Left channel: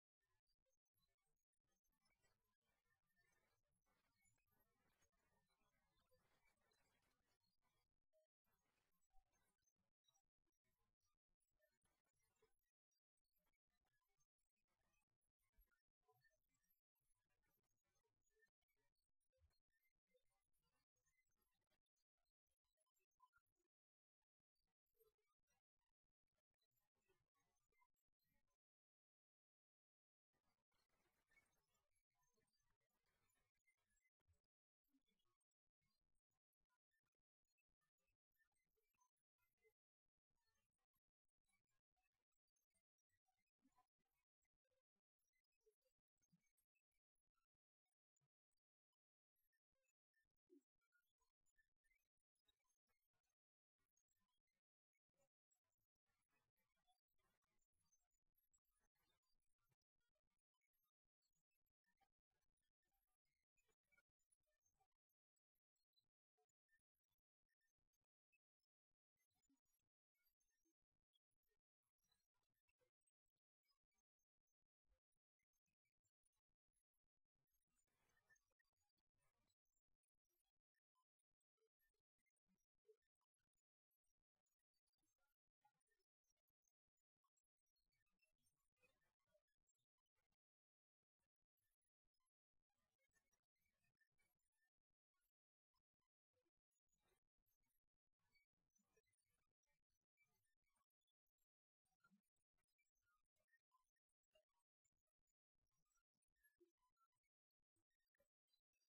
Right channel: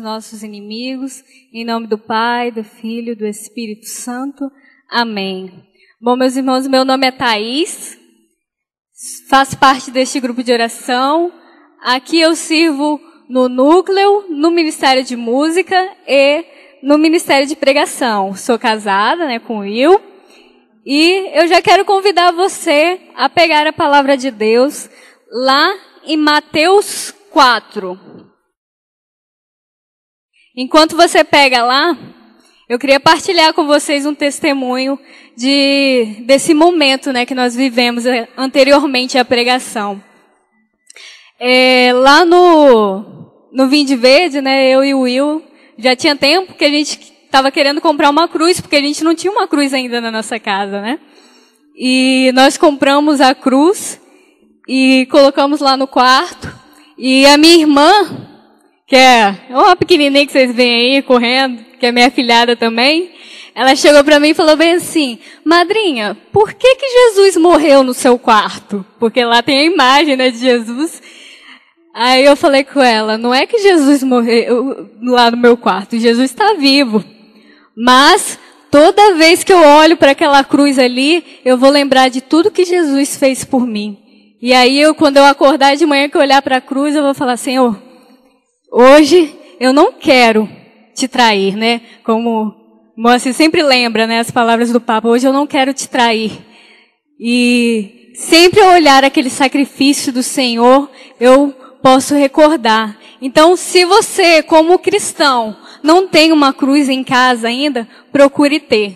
nossos inimigos, em nome do Pai, do Filho e do Espírito Santo. Amém. Bom, meus irmãos, meu nome é Thaís, faço parte deste grupo de oração. Aqui eu sirvo no núcleo, no Ministério de Música e no Ministério de Pregação. Sou casada, com o Will, e eu já quero convidar você a pegar a palavra de Deus lá em Mateus 4. Enquanto você pega lá, eu queria partilhar com vocês um testemunho desse momento, que nós vivemos anteriormente à pregação. Lá no Vinde Verde, eu e o Will, já tinha tempo que a gente estava querendo comprar uma cruz, porque a gente não tinha uma cruz ainda na nossa casa, E nós compramos a cruz e colocamos lá no quarto. E a minha irmã, que é uma pequenininha que vocês veem aí correndo, que é minha afilhada também, ela chegou para mim e falou bem assim: madrinha, por que Jesus morreu no seu quarto? Porque lá tem a imagem, de Jesus. Aí eu falei com ela: não é que Jesus morreu lá no meu quarto, Jesus está vivo. Mas toda vez que eu olho para aquela cruz ali, eu vou lembrar de tudo que Jesus fez por mim. E aí, quando eu acordar de manhã, que eu olhar para a cruz, eu vou falar: Senhor, hoje eu não quero te trair, Como Moacir sempre lembra, as palavras do Papa: hoje eu não quero te trair. E sempre ao olhar aquele sacrifício do Senhor, eu posso recordar. Então, se você, como cristão, não tem uma cruz em casa ainda, procure ter.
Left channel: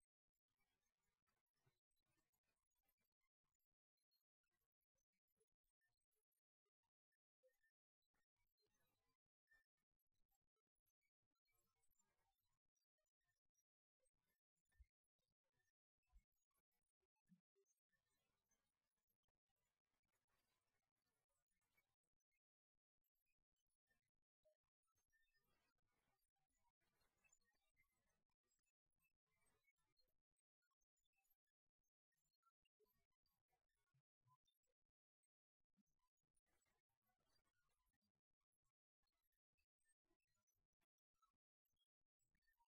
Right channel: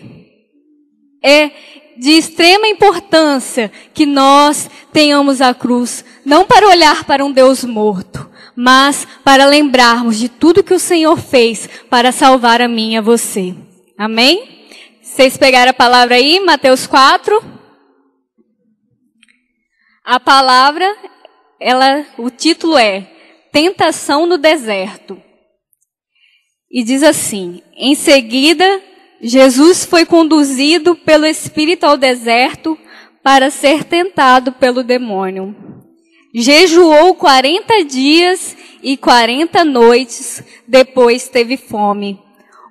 É de extrema importância que nós tenhamos a cruz, não para olhar para um Deus morto, mas para lembrarmos de tudo que o Senhor fez para salvar a mim e a você. Amém? Vocês pegaram a palavra aí, Mateus 4? A palavra, o título é Tentação no Deserto. E diz assim: em seguida, Jesus foi conduzido pelo Espírito ao deserto para ser tentado pelo demônio. Jejuou 40 dias e 40 noites, depois teve fome.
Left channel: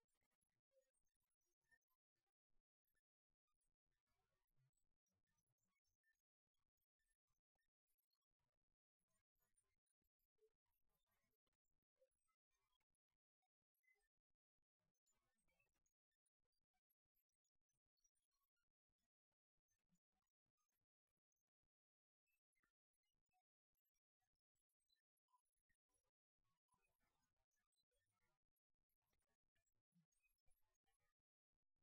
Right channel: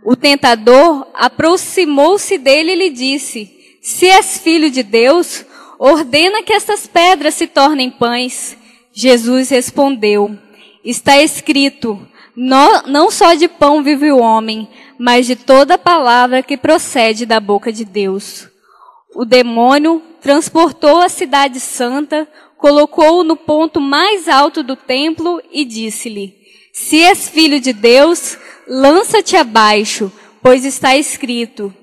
O tentador aproximou-se dele e lhe disse: se és filho de Deus, ordena que estas pedras se tornem pães. Jesus respondeu: está escrito, não só de pão vive o homem, mas de toda palavra que procede da boca de Deus. O demônio transportou a cidade santa, colocou-o no ponto mais alto do templo e disse-lhe: se és filho de Deus, lança-te abaixo, pois está escrito,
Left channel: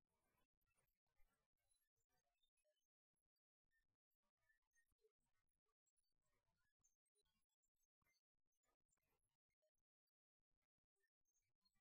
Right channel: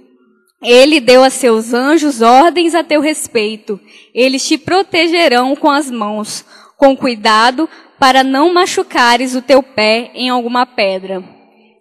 ele deu a seus anjos ordens a teu respeito. Eles te protegerão com as mãos, com cuidado, para não machucares o teu pé em alguma pedra.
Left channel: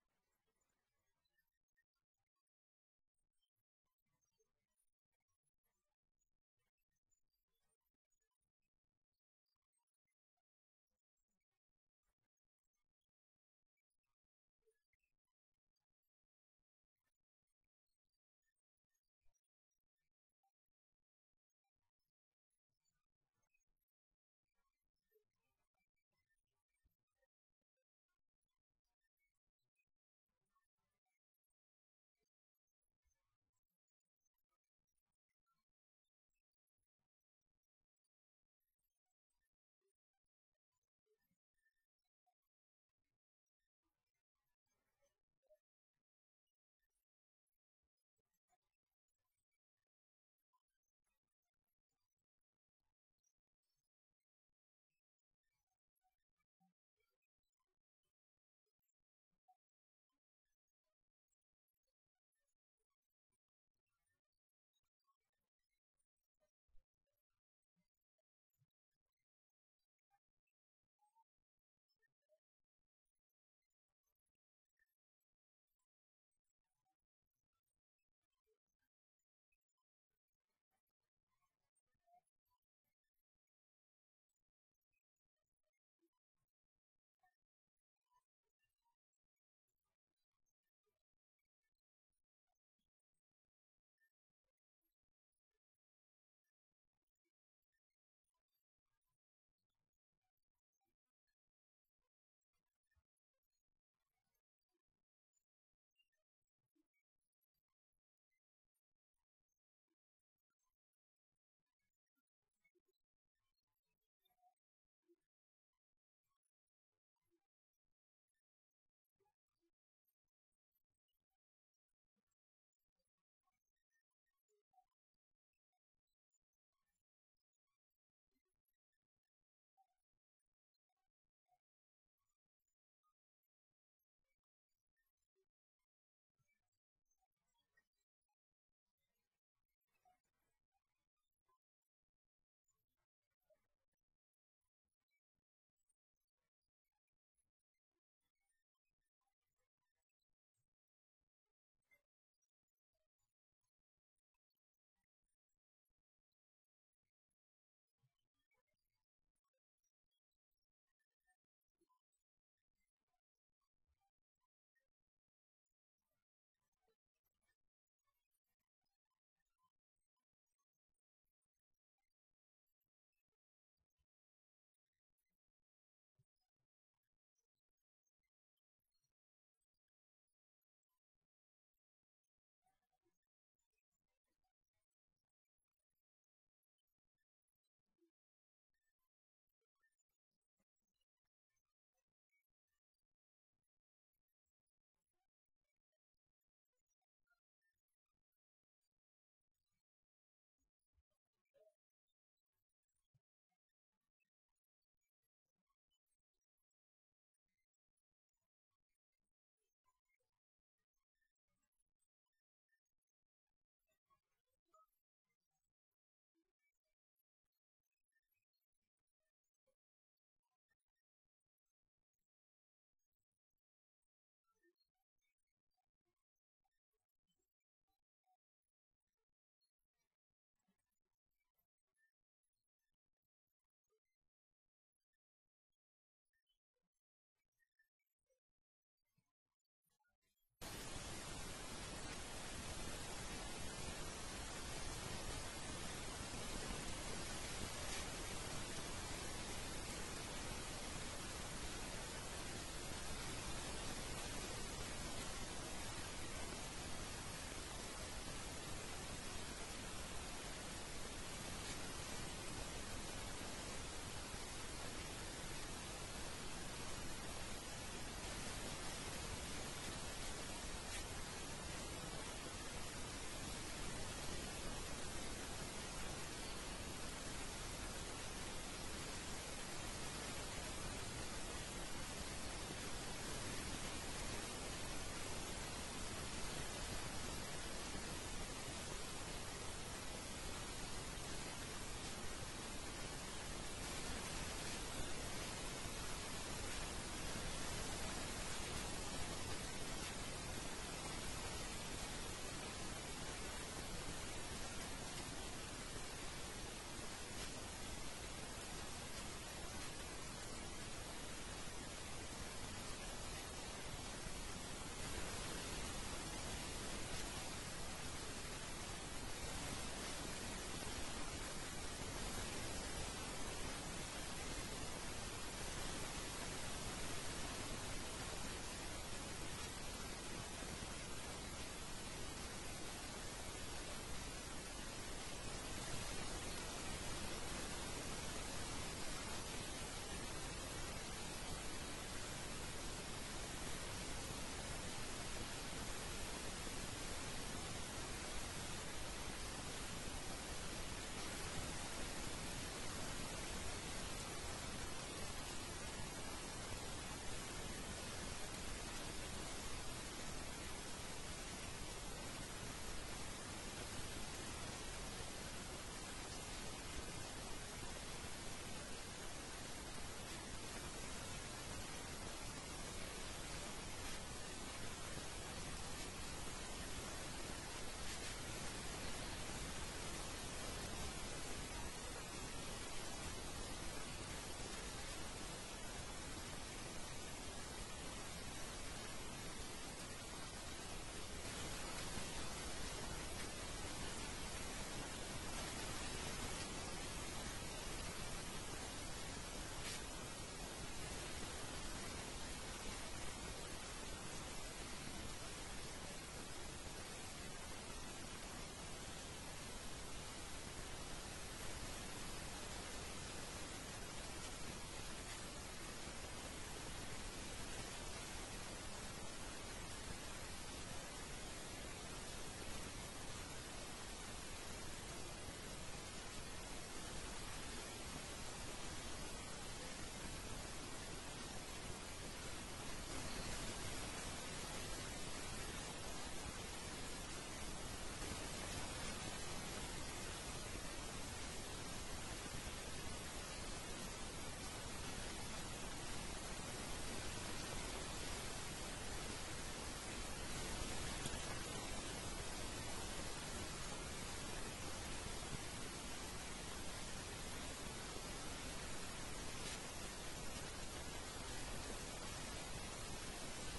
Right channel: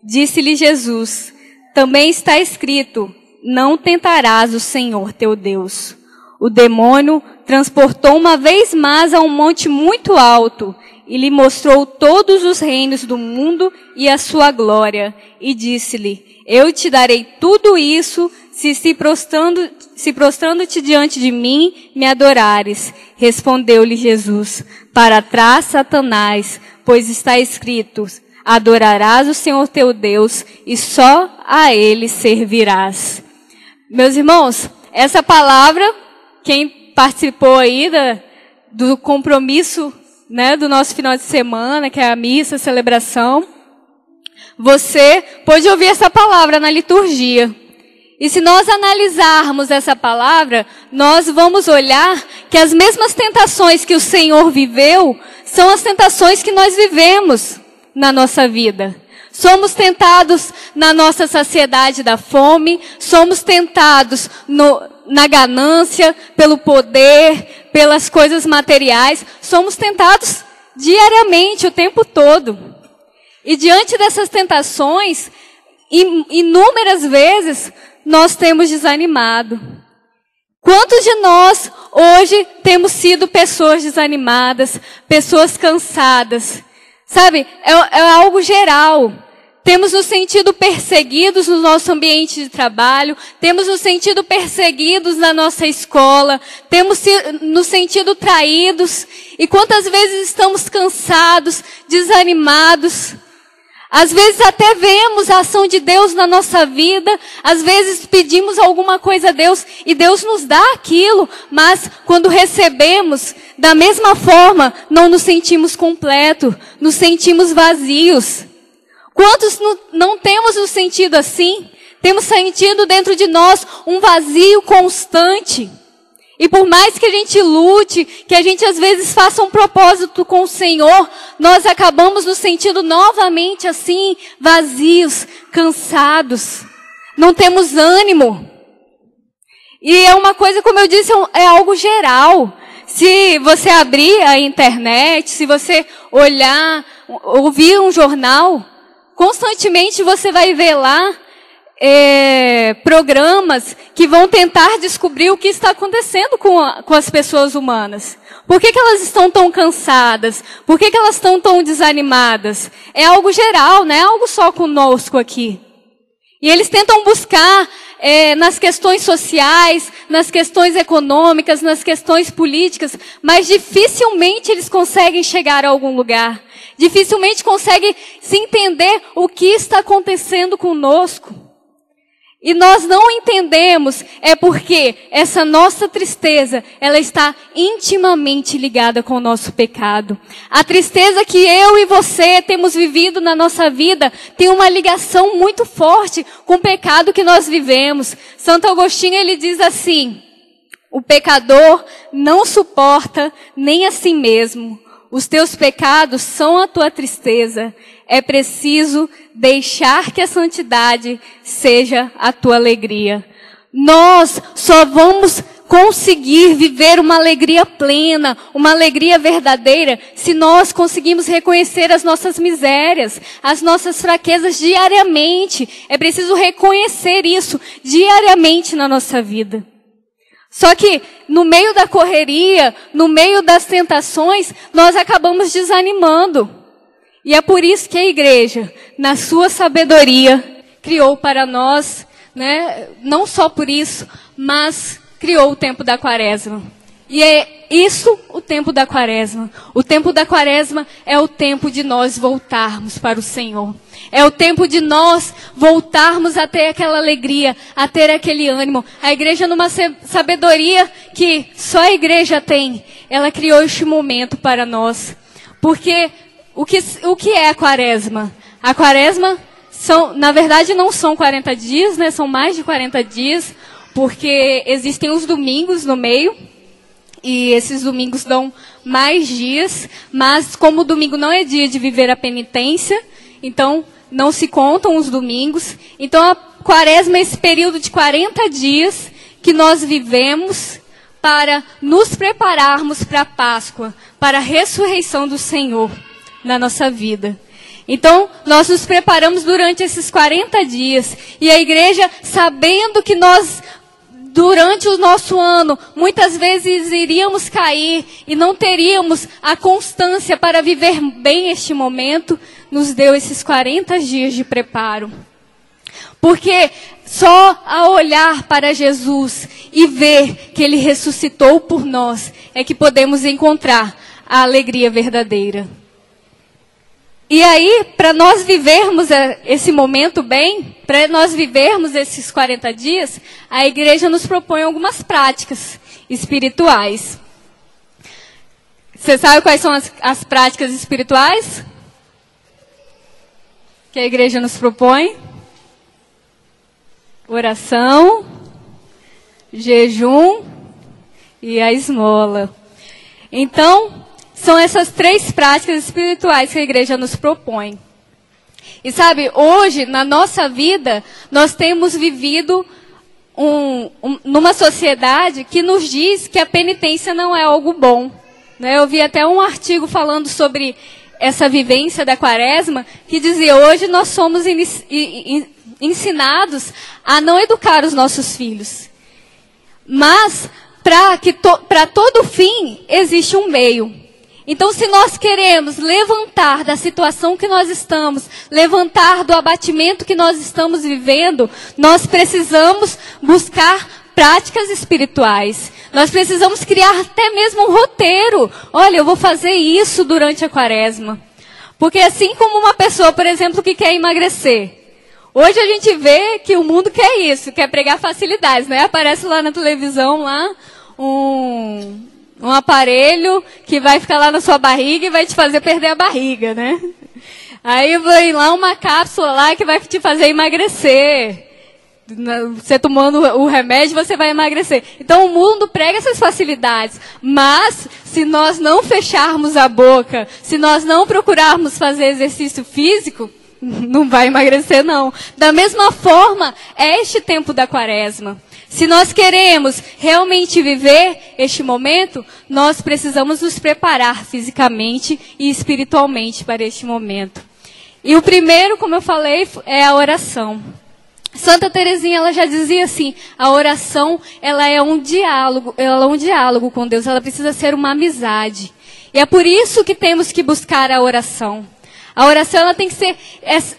Disse-lhe Jesus: também está escrito, não tentarás o Senhor teu Deus. O demônio transportou uma vez mais a um monte muito alto e lhe mostrou todos os reinos do mundo e a sua glória. E disse-lhe: eu te darei tudo isso se prostrando-te diante de mim, me adorares. Respondeu-lhe Jesus: para trás, Satanás, pois está escrito, adorarás o Senhor teu Deus e só a Ele servirás. Meus irmãos, essa palavra, quem participou aí do compromisso, do nosso final de semana, que é a missa, a celebração, você pôde ouvir essa palavra na liturgia. E se nós analisarmos essa palavra, nós vamos olhar que as mesmas tentações que o Senhor viveu são as tentações que nós vivemos na nossa vida. Somos tentados na nossa saciedade da fome, somos tentados na ganância, pelo poder, pelas coisas materiais, somos tentados diariamente, o tempo todo. E diante dessas tentações, inúmeras vezes, nós temos desanimado. Quantos de nós hoje temos sido pessoas desanimadas, pessoas cansadas? Sabe, é algo geral. Temos nos sentido perseguidos no nosso ambiente de trabalho, temos nos sentido perseguidos na nossa escola, temos nos sentido traídos. E quantas vezes estamos cansados, desanimados? Às vezes até vemos a ação de Deus na nossa vida, às vezes pedimos alguma coisa a Deus e Deus nos dá aquilo, mas quando recebemos, da mesma forma, não nos sentimos completos, nos sentimos vazios. Quantos não temos nos sentido assim? Temos sentido dentro de nós um vazio constante. E por mais que a gente lute, que a gente às vezes faça um propósito com o Senhor, nós acabamos nos sentindo novamente assim, vazios, cansados. Não temos ânimo. E é uma coisa, como eu disse, é algo geral. Se você abrir a internet, se você olhar, ouvir um jornal, constantemente você vai ver lá programas que vão tentar descobrir o que está acontecendo com as pessoas humanas. Por que elas estão tão cansadas? Por que elas estão tão desanimadas? É algo geral, não é algo só conosco aqui. E eles tentam buscar nas questões sociais, nas questões econômicas, nas questões políticas, mas dificilmente eles conseguem chegar a algum lugar. Dificilmente conseguem se entender o que está acontecendo conosco. E nós não entendemos, porque essa nossa tristeza, ela está intimamente ligada com o nosso pecado. A tristeza que eu e você temos vivido na nossa vida tem uma ligação muito forte com o pecado que nós vivemos. Santo Agostinho, ele diz assim: o pecador não suporta nem a si mesmo. Os teus pecados são a tua tristeza. É preciso deixar que a santidade seja a tua alegria. Nós só vamos conseguir viver uma alegria plena, uma alegria verdadeira, se nós conseguimos reconhecer as nossas misérias, as nossas fraquezas diariamente. É preciso reconhecer isso diariamente na nossa vida. Só que no meio da correria, no meio das tentações, nós acabamos desanimando. E é por isso que a igreja, na sua sabedoria, criou para nós, não só por isso, mas criou o tempo da quaresma. E é isso o tempo da quaresma. O tempo da quaresma é o tempo de nós voltarmos para o Senhor. É o tempo de nós voltarmos a ter aquela alegria, a ter aquele ânimo. A igreja, numa sabedoria que só a igreja tem, ela criou este momento para nós. Porque o que é a quaresma? A quaresma, na verdade, não são 40 dias, são mais de 40 dias, porque existem os domingos no meio, e esses domingos dão mais dias, mas como o domingo não é dia de viver a penitência, então não se contam os domingos. Então a quaresma é esse período de 40 dias que nós vivemos para nos prepararmos para a Páscoa, para a ressurreição do Senhor na nossa vida. Então, nós nos preparamos durante esses 40 dias. E a igreja, sabendo que nós, durante o nosso ano, muitas vezes iríamos cair e não teríamos a constância para viver bem este momento, nos deu esses 40 dias de preparo. Porque só ao olhar para Jesus e ver que Ele ressuscitou por nós, é que podemos encontrar a alegria verdadeira. E aí, para nós vivermos esse momento bem, para nós vivermos esses 40 dias, a igreja nos propõe algumas práticas espirituais. Você sabe quais são as práticas espirituais que a igreja nos propõe? Oração, jejum e a esmola. Então, são essas 3 práticas espirituais que a igreja nos propõe. E sabe, hoje, na nossa vida, nós temos vivido numa sociedade que nos diz que a penitência não é algo bom. Eu vi até um artigo falando sobre essa vivência da quaresma, que dizia: hoje nós somos ensinados a não educar os nossos filhos. Mas, para todo fim, existe um meio. Então, se nós queremos levantar da situação que nós estamos, levantar do abatimento que nós estamos vivendo, nós precisamos buscar práticas espirituais. Nós precisamos criar até mesmo um roteiro. Olha, eu vou fazer isso durante a quaresma. Porque assim como uma pessoa, por exemplo, que quer emagrecer, hoje a gente vê que o mundo quer isso, quer pregar facilidades, né? Aparece lá na televisão lá um aparelho que vai ficar lá na sua barriga e vai te fazer perder a barriga, né? Aí vem lá uma cápsula lá que vai te fazer emagrecer. Você tomando o remédio, você vai emagrecer. Então o mundo prega essas facilidades. Mas se nós não fecharmos a boca, se nós não procurarmos fazer exercício físico, não vai emagrecer não. Da mesma forma, é este tempo da quaresma. Se nós queremos realmente viver este momento, nós precisamos nos preparar fisicamente e espiritualmente para este momento. E o primeiro, como eu falei, é a oração. Santa Teresinha, ela já dizia assim, a oração, ela é um diálogo com Deus, ela precisa ser uma amizade. E é por isso que temos que buscar a oração. A oração, ela tem que ser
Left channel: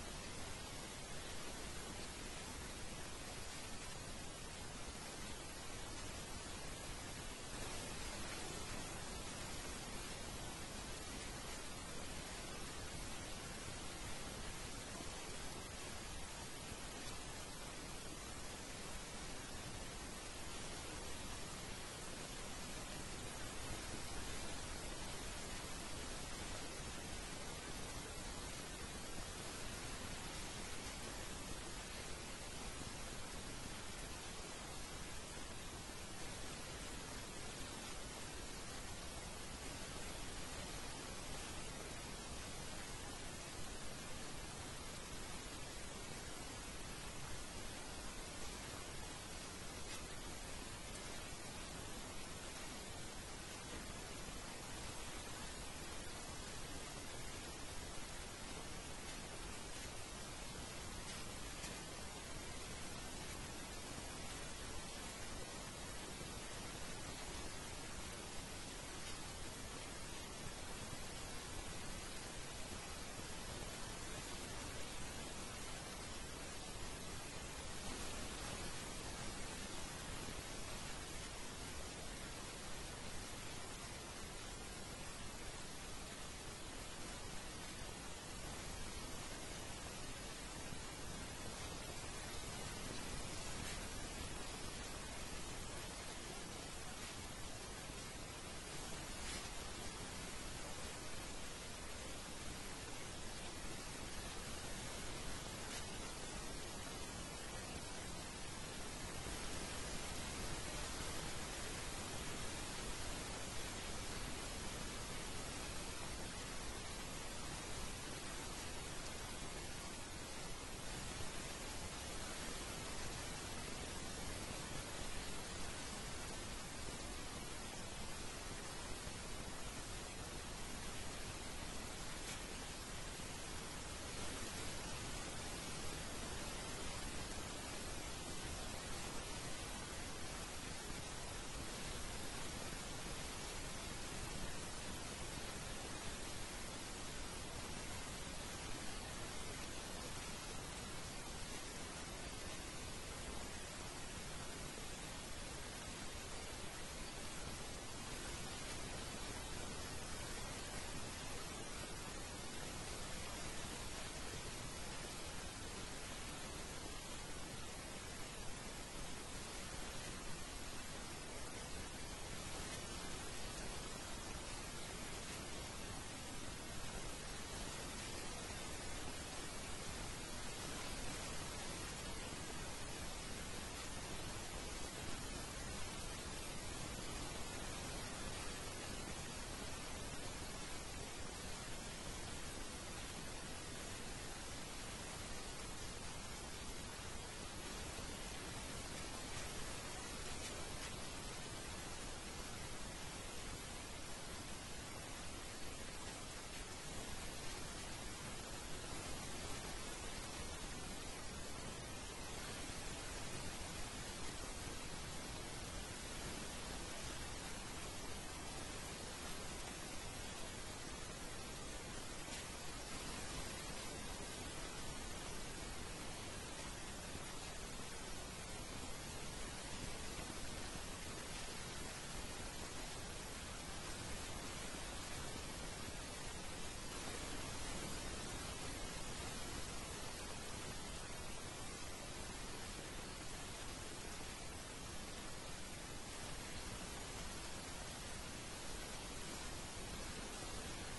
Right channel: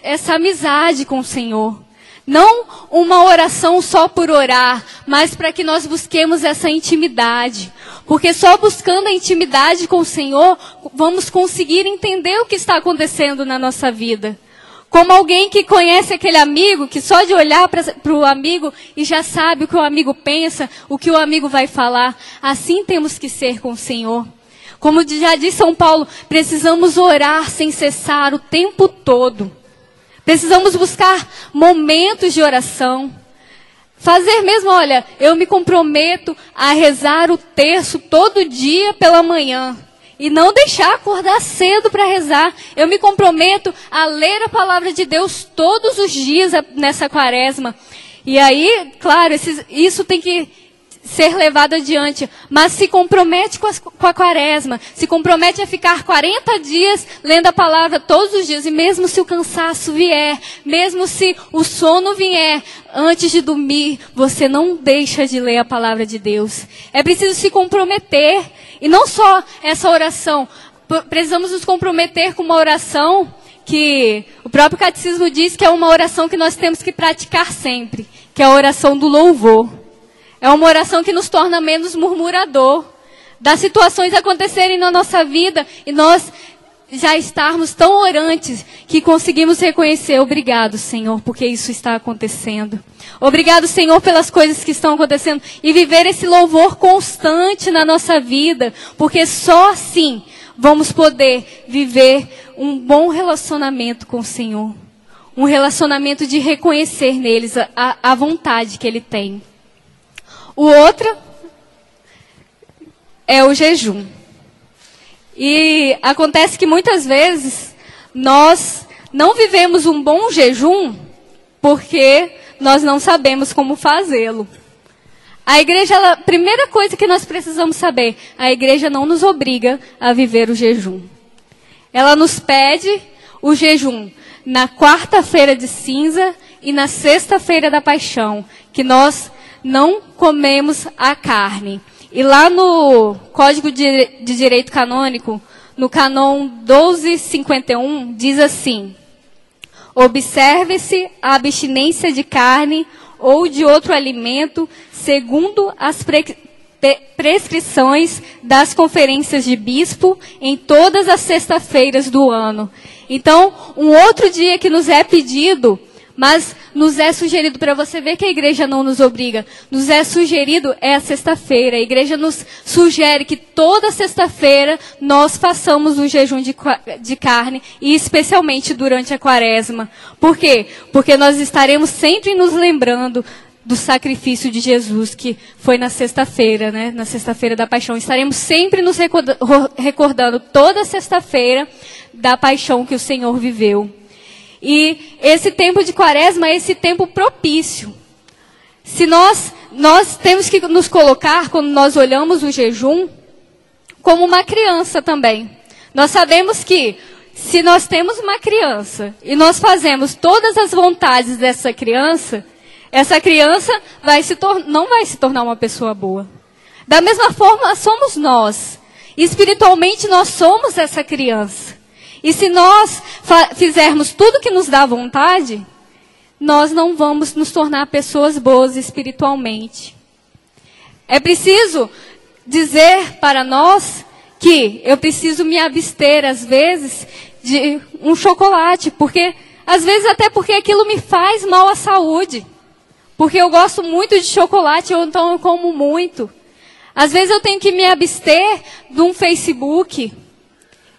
essa amizade com o Senhor. Não uma oração só por orar, mas para que nós busquemos essa intimidade. Porque só buscando a intimidade com o Senhor, vamos conseguir entender o que está acontecendo na nossa vida. Como alguém que conhece aquele amigo, que só de olhar para o amigo e já sabe o que o amigo pensa, o que o amigo vai falar. Assim temos que ser com o Senhor. Como já disse São Paulo, precisamos orar sem cessar o tempo todo. Precisamos buscar momentos de oração. Fazer mesmo, olha, eu me comprometo a rezar o terço todo dia pela manhã. E não deixar acordar cedo para rezar. Eu me comprometo a ler a palavra de Deus todos os dias nessa quaresma. E aí, claro, isso tem que ser levado adiante. Mas se compromete com a quaresma. Se compromete a ficar 40 dias lendo a palavra todos os dias. E mesmo se o cansaço vier, mesmo se o sono vier, antes de dormir, você não deixa de ler a palavra de Deus. É preciso se comprometer. E não só essa oração, precisamos nos comprometer com uma oração que o próprio catecismo diz que é uma oração que nós temos que praticar sempre, que é a oração do louvor. É uma oração que nos torna menos murmurador, das situações acontecerem na nossa vida e nós já estarmos tão orantes que conseguimos reconhecer, obrigado, Senhor, porque isso está acontecendo. Obrigado, Senhor, pelas coisas que estão acontecendo. E viver esse louvor constante na nossa vida. Porque só assim vamos poder viver um bom relacionamento com o Senhor. Um relacionamento de reconhecer neles a vontade que Ele tem. O outro é o jejum. E acontece que muitas vezes nós não vivemos um bom jejum porque nós não sabemos como fazê-lo. A igreja, a primeira coisa que nós precisamos saber, a igreja não nos obriga a viver o jejum. Ela nos pede o jejum na quarta-feira de cinza e na sexta-feira da paixão, que nós não comemos a carne. E lá no Código de Direito Canônico, no Canon 1251, diz assim: observe-se a abstinência de carne ou de outro alimento segundo as prescrições das conferências de bispo em todas as sextas-feiras do ano. Então, um outro dia que nos é pedido, mas nos é sugerido, para você ver que a igreja não nos obriga, nos é sugerido é a sexta-feira. A igreja nos sugere que toda sexta-feira nós façamos um jejum de carne, e especialmente durante a quaresma. Por quê? Porque nós estaremos sempre nos lembrando do sacrifício de Jesus, que foi na sexta-feira, né? Na sexta-feira da paixão. Estaremos sempre nos recordando toda sexta-feira da paixão que o Senhor viveu. E esse tempo de quaresma é esse tempo propício. Se nós temos que nos colocar, quando nós olhamos o jejum, como uma criança também. Nós sabemos que se nós temos uma criança e nós fazemos todas as vontades dessa criança, essa criança não vai se tornar uma pessoa boa. Da mesma forma, somos nós. Espiritualmente, nós somos essa criança. E se nós fizermos tudo que nos dá vontade, nós não vamos nos tornar pessoas boas espiritualmente. É preciso dizer para nós que eu preciso me abster, às vezes, de um chocolate, porque às vezes até porque aquilo me faz mal à saúde. Porque eu gosto muito de chocolate, ou então eu como muito. Às vezes eu tenho que me abster de um Facebook.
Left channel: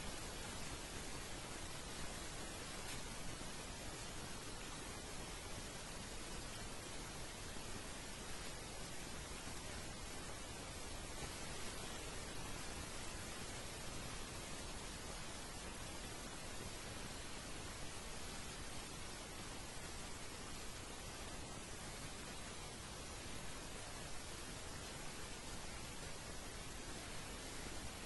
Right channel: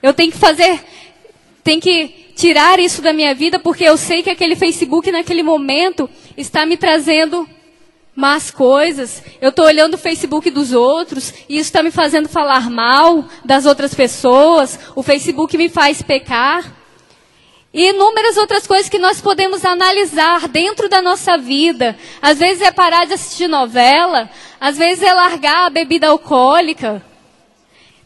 Eu tenho que tirar isso da minha vida, porque eu sei que aquele Facebook naquele momento está me trazendo más coisas. Eu estou olhando o Facebook dos outros e isso está me fazendo falar mal das outras pessoas. O Facebook me faz pecar. E inúmeras outras coisas que nós podemos analisar dentro da nossa vida. Às vezes é parar de assistir novela, às vezes é largar a bebida alcoólica.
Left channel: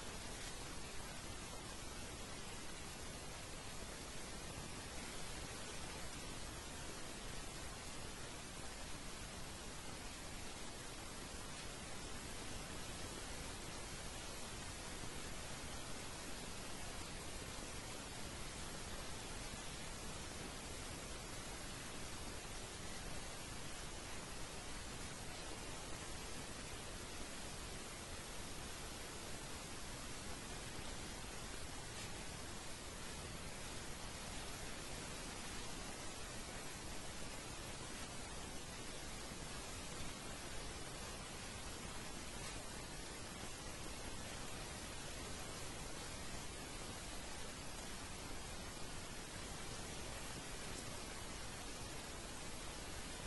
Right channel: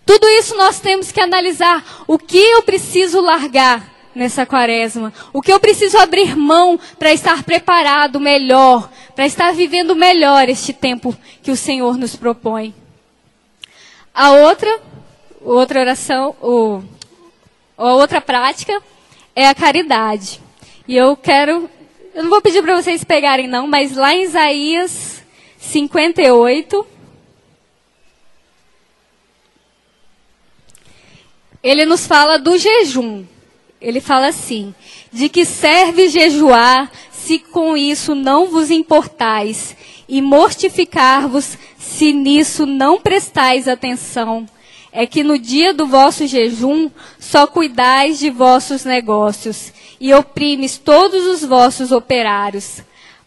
Tudo isso nós temos que analisar. O que eu preciso largar nessa quaresma? O que eu preciso abrir mão para estar preparado melhor, para estar vivendo melhor este tempo que o Senhor nos propõe? A outra oração, a outra prática é a caridade. E eu não vou pedir para vocês pegarem não, mas lá em Isaías 58, ele nos fala do jejum. Ele fala assim: de que serve jejuar, se com isso não vos importais, e mortificar-vos, se nisso não prestais atenção. É que no dia do vosso jejum só cuidais de vossos negócios, e oprimes todos os vossos operários.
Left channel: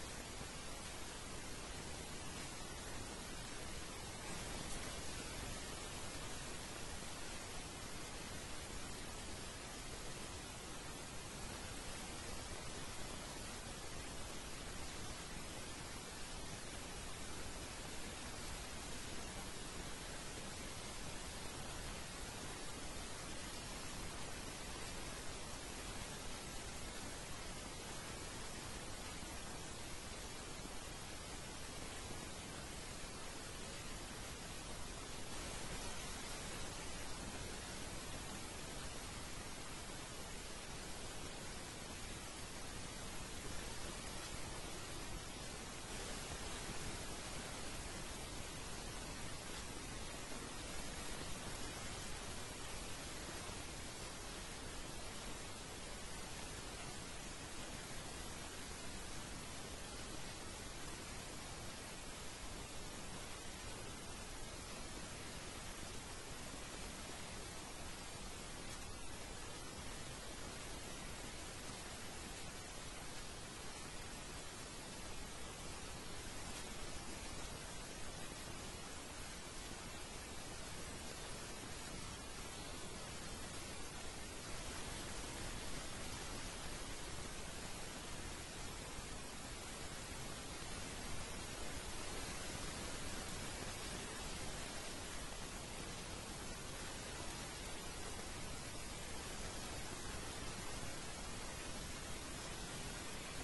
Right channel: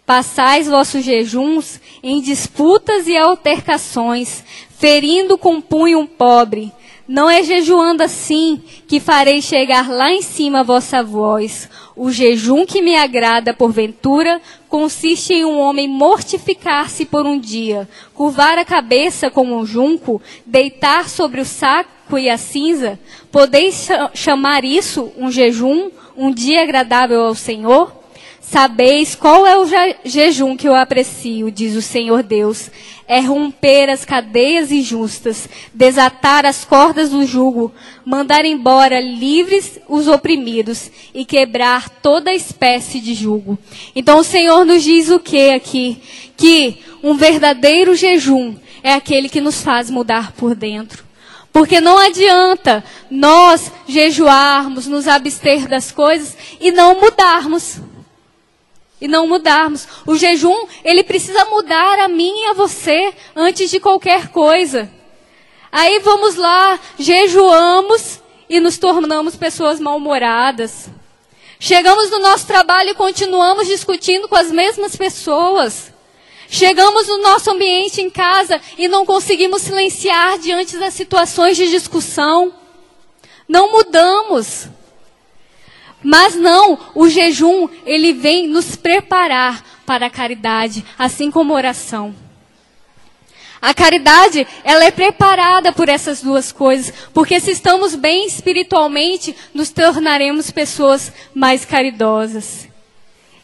Passais vossos jejuns em disputas e altercações, ferindo com punho um pobre. Não é jejuando assim que farei chegar lá em cima a vossa voz. O jejum que me agrada, porventura, consiste em um homem mortificar-se por um dia, curvar a cabeça como um junco, deitar sobre o saco e a cinza. Podeis chamar isso um jejum, um dia agradável ao Senhor? Sabeis qual é o jejum que eu aprecio, diz o Senhor Deus. É romper as cadeias injustas, desatar as cordas do jugo, mandar embora livres os oprimidos e quebrar toda espécie de jugo. Então o Senhor nos diz o que aqui? Que um verdadeiro jejum é aquele que nos faz mudar por dentro. Porque não adianta nós jejuarmos, nos abster das coisas e não mudarmos. O jejum, ele precisa mudar a mim e a você antes de qualquer coisa. Aí vamos lá, jejuamos e nos tornamos pessoas mal-humoradas. Chegamos no nosso trabalho e continuamos discutindo com as mesmas pessoas. Chegamos no nosso ambiente em casa e não conseguimos silenciar diante das situações de discussão. Não mudamos. Mas não, o jejum, ele vem nos preparar para a caridade, assim como a oração. A caridade, ela é preparada por essas duas coisas, porque se estamos bem espiritualmente, nos tornaremos pessoas mais caridosas.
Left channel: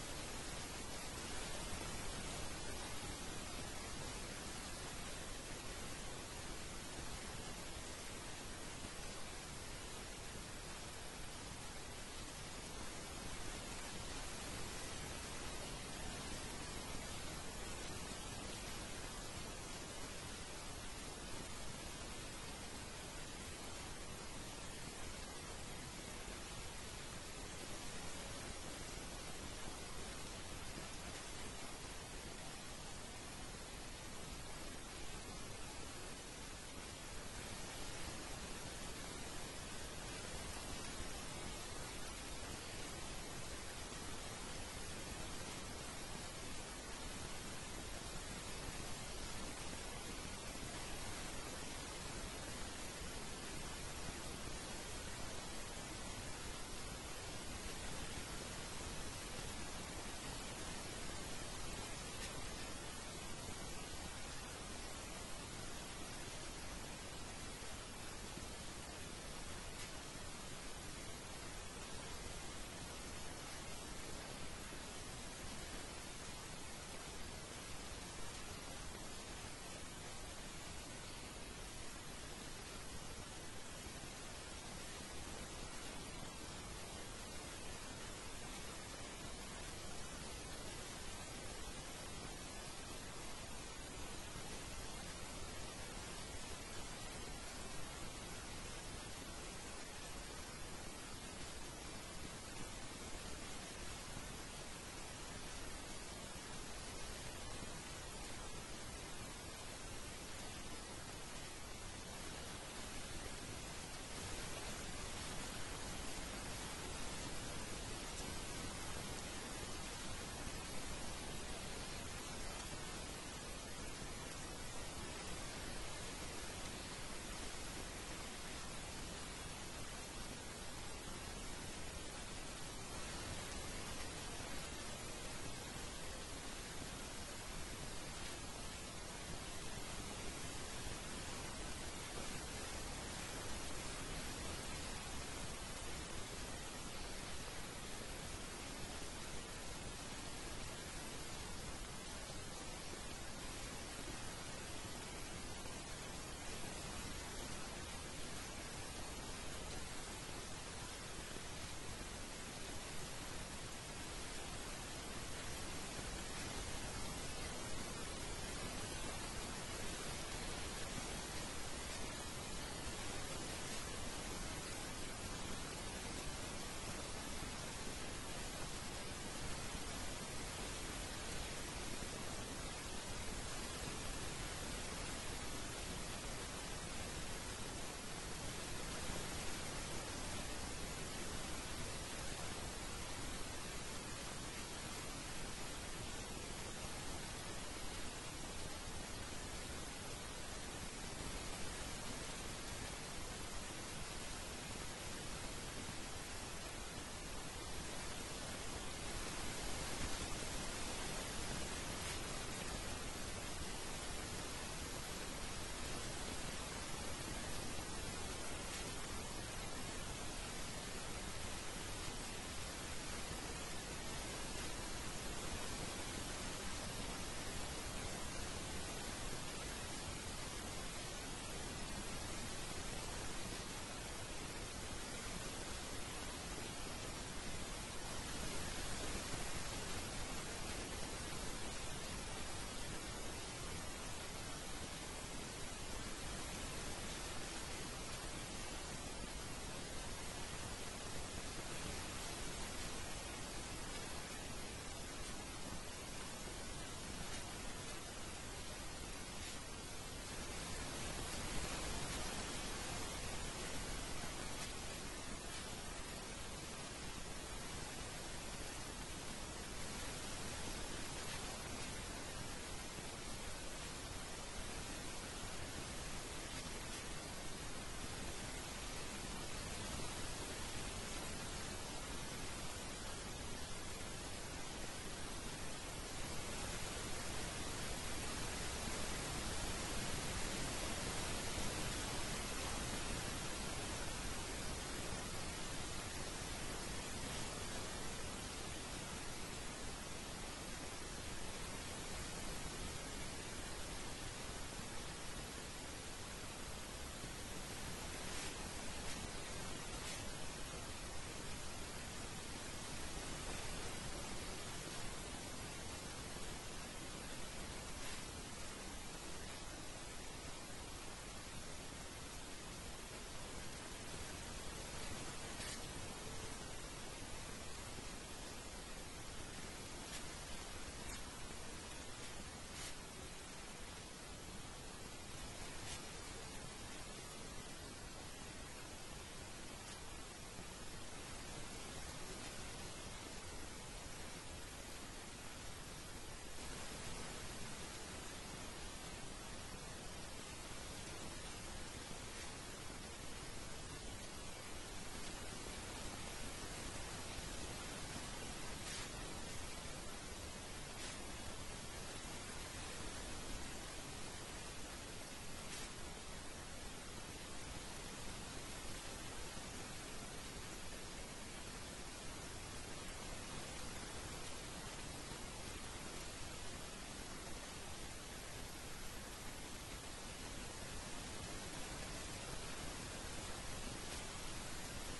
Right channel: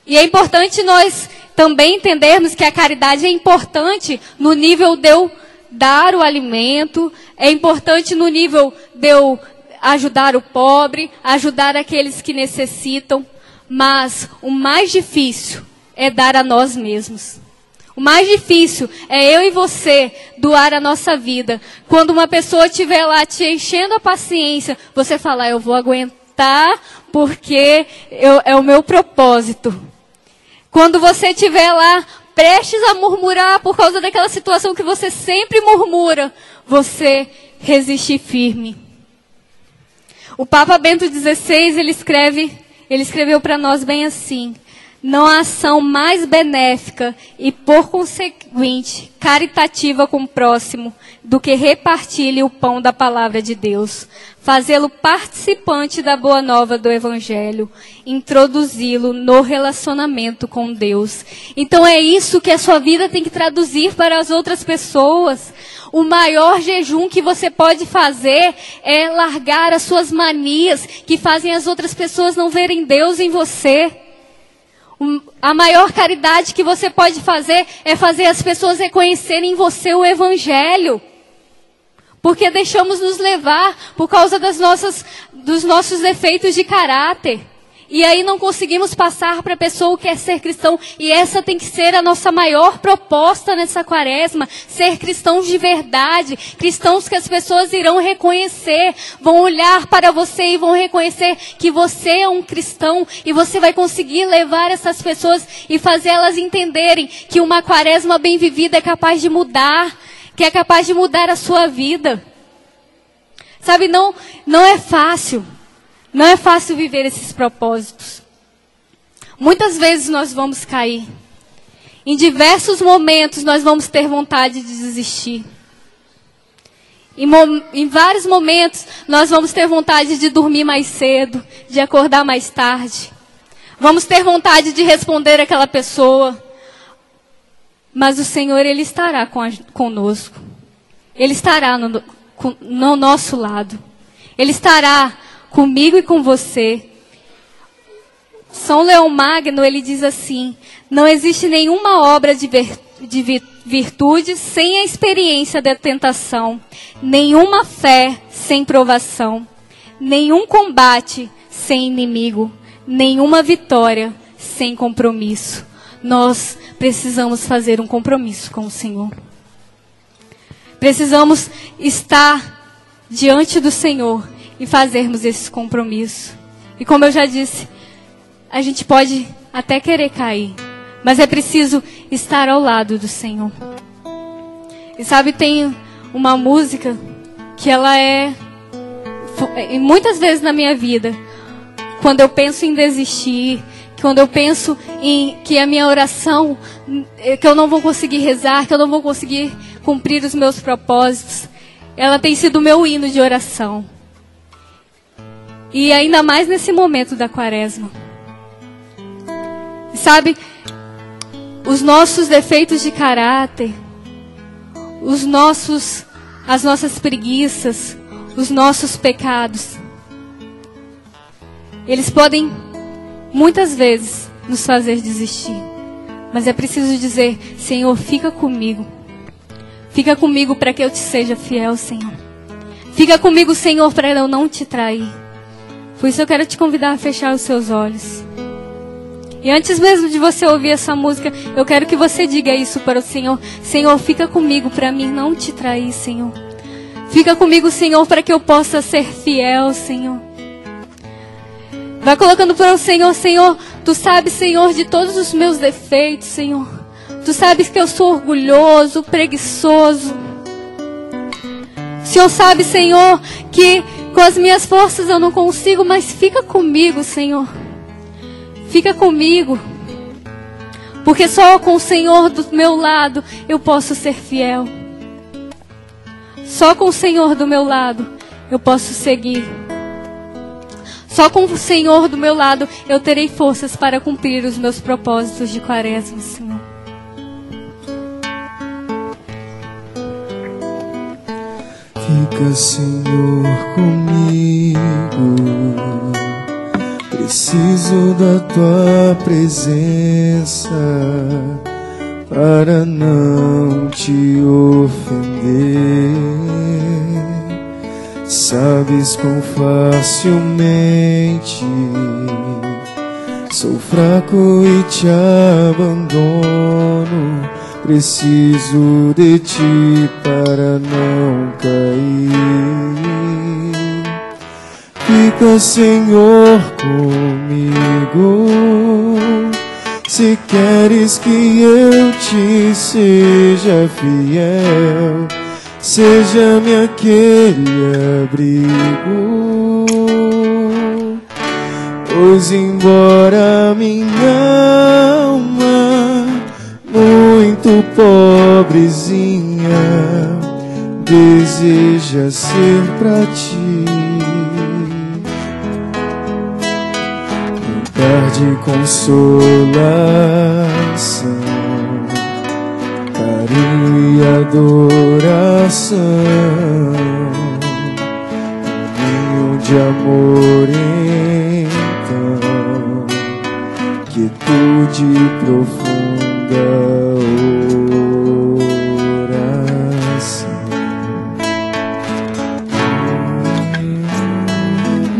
E é importante nós também entendermos que a caridade é importante no nível de eu dar o alimento, é importante no nível de eu ajudar o pobre, ajudar aqueles que necessitam, mas o mais difícil é dar a nós mesmos. O mais difícil é eu e você doar a nossa vida. Quando uma pessoa estiver lá te enchendo a paciência, você falar, eu vou aguentar porque é o meu propósito. Quando você estiver lá prestes a murmurar por causa daquela situação que você sempre murmura, você resistir firme. O Papa Bento XVI, ele escreveu para nós bem assim: não há ação mais benéfica e, por conseguinte, caritativa com o próximo do que repartir-lhe o pão da palavra de Deus, fazê-lo participante da boa nova do Evangelho, introduzi-lo no relacionamento com Deus. Então é isso que a sua vida tem que traduzir para as outras pessoas. O maior jejum que você pode fazer é largar as suas manias que fazem as outras pessoas não verem Deus em você. A maior caridade que você pode fazer é fazer as pessoas reconhecerem em você o Evangelho. Porque deixamos nos levar por causa dos nossos defeitos de caráter. E aí não conseguimos passar para a pessoa o que é ser cristão. E essa tem que ser a nossa maior proposta nessa quaresma. Ser cristãos de verdade. Cristãos que as pessoas irão reconhecer. Vão olhar para você e vão reconhecer que você é um cristão. E você vai conseguir levar essas pessoas e fazer elas entenderem que uma quaresma bem vivida é capaz de mudar. Que é capaz de mudar a sua vida. Sabe, não é fácil. Não é fácil viver esses propósitos. Muitas vezes nós vamos cair. Em diversos momentos nós vamos ter vontade de desistir. Em vários momentos nós vamos ter vontade de dormir mais cedo, de acordar mais tarde. Vamos ter vontade de responder àquela pessoa. Mas o Senhor, Ele estará conosco. Ele estará no nosso lado. Ele estará comigo e com você. São Leão Magno, ele diz assim: não existe nenhuma obra de virtude sem a experiência da tentação, nenhuma fé sem provação, nenhum combate sem inimigo, nenhuma vitória sem compromisso. Nós precisamos fazer um compromisso com o Senhor. Precisamos estar diante do Senhor e fazermos esse compromisso. E como eu já disse, a gente pode até querer cair, mas é preciso estar ao lado do Senhor. E sabe, tem uma música que ela e muitas vezes na minha vida, quando eu penso em desistir, quando eu penso em que a minha oração, que eu não vou conseguir rezar, que eu não vou conseguir cumprir os meus propósitos, ela tem sido o meu hino de oração. E ainda mais nesse momento da quaresma. Sabe, os nossos defeitos de caráter, as nossas preguiças, os nossos pecados, eles podem muitas vezes nos fazer desistir. Mas é preciso dizer: Senhor, fica comigo. Fica comigo para que eu te seja fiel, Senhor. Fica comigo, Senhor, para eu não te trair. Por isso eu quero te convidar a fechar os seus olhos. E antes mesmo de você ouvir essa música, eu quero que você diga isso para o Senhor: Senhor, fica comigo para mim não te trair, Senhor. Fica comigo, Senhor, para que eu possa ser fiel, Senhor. Vai colocando para o Senhor: Senhor, Tu sabes, Senhor, de todos os meus defeitos, Senhor. Tu sabes que eu sou orgulhoso, preguiçoso. O Senhor sabe, Senhor, que com as minhas forças eu não consigo, mas fica comigo, Senhor. Fica comigo. Porque só com o Senhor do meu lado eu posso ser fiel. Só com o Senhor do meu lado eu posso seguir. Só com o Senhor do meu lado eu terei forças para cumprir os meus propósitos de quaresma, Senhor. Fica, Senhor, comigo. Preciso da Tua presença para não te ofender. Sabes quão facilmente sou fraco e te abandono. Preciso de Ti para não cair. Fica, Senhor, comigo. Se queres que eu te seja fiel, seja-me aquele abrigo. Pois embora minha alma muito pobrezinha deseja ser pra Ti, lugar de consolação, carinho e adoração, ninho de amor, então, quietude profunda oração.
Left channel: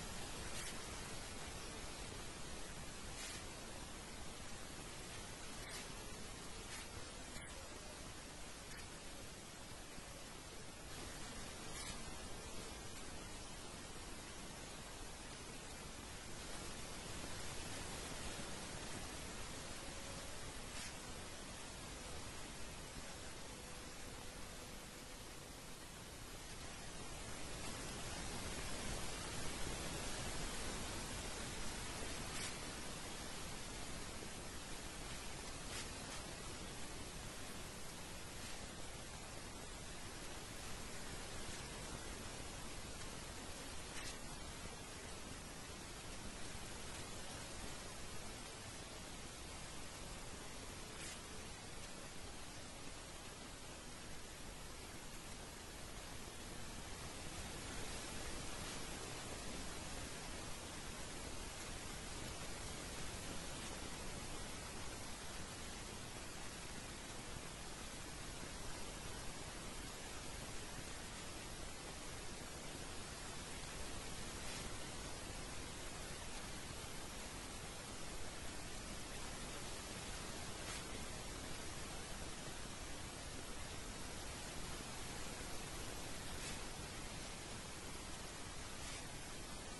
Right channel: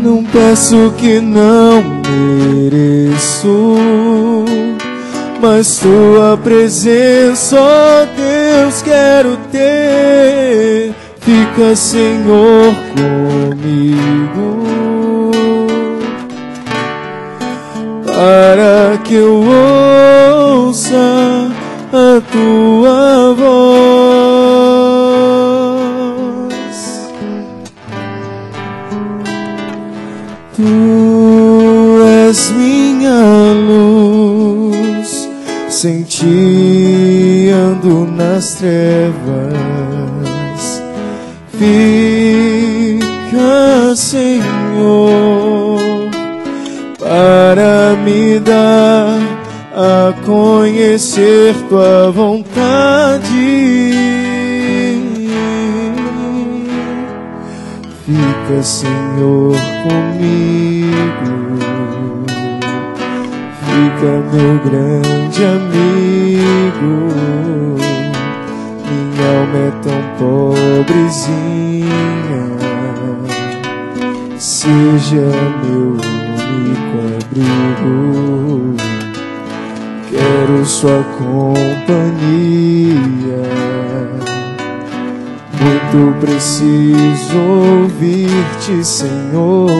Não Confesso que não mereço, mas tua presença, ó Deus, quero ter. Fica, Senhor, comigo, para que eu ouça a tua voz. Tu és minha luz, sem ti ando nas trevas. Fica, Senhor, para me dar a conhecer tua vontade. Fica, Senhor, comigo, fica, meu grande amigo. Minha alma é tão pobrezinha, seja meu único abrigo. Quero sua companhia, muito preciso ouvir-te, Senhor.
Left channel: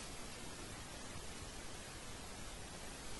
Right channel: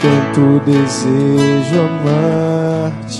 Tanto desejo amar-te.